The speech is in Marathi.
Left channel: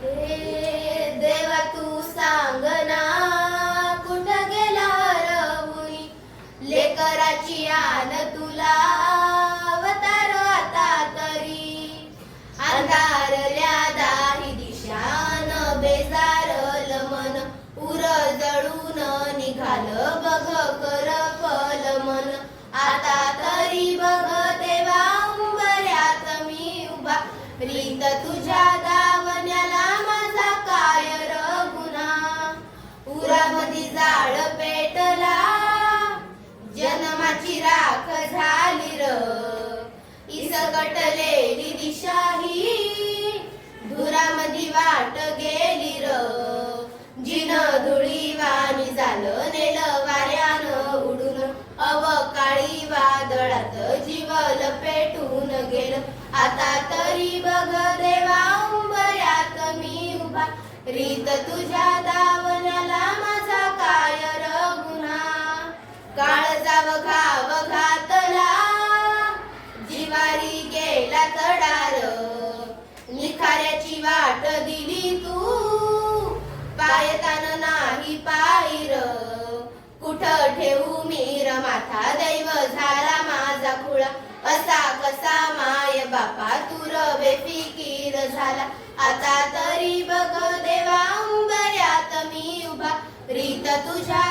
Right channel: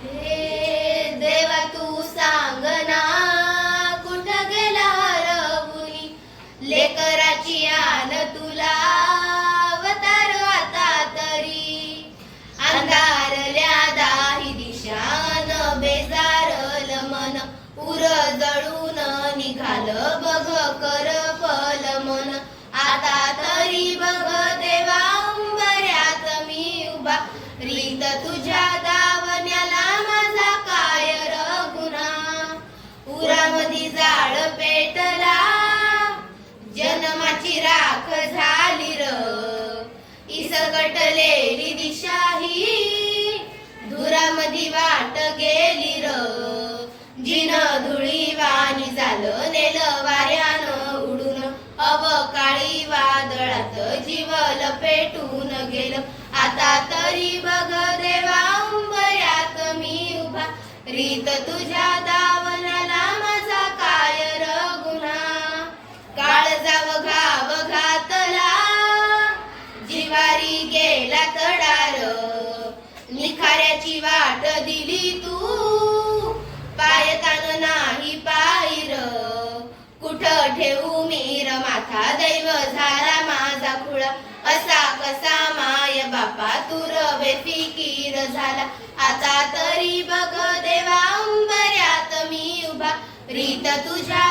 हे देवा तू सांग ना, कुठं गेला रघुनी लेकराची आन तुला अवतार आता तरी. अंधारल्या दाही दिशान बेजारल मन, उर जळून निघालं बघ कर फल मन. आता तरी बघ देवा उंबऱ्यात मी उभा, रीत तुझ्या दावण्याला माझा काय र गुन्हा. उरामधी जाळ पेटला, जन्माची राख झाली र, इसकटलेली दिशा ही धुरामधी वाट गेली र. जिन धुळी वाणी झालं नेलं वाऱ्यानं उडून, अवकाळी वादळात जीवल पेटून गेलं. आता तरी बघ देवा उंबऱ्यात मी उभा, रीत तुझ्या दावण्याला माझा काय र गुन्हा. काळजाव घाव घातला, जिवारी गेला तडार, निखाऱ्याची वाट दिली तू, पायतान नाही पायीर. कुठं ठेवू मीर माथा, दैव झाला माझा खुळा, असा कसा माय बापा तूर बेफिकीर झाला. आता तरी बघ देवा उंबऱ्यात मी उभा, रीत तुझ्या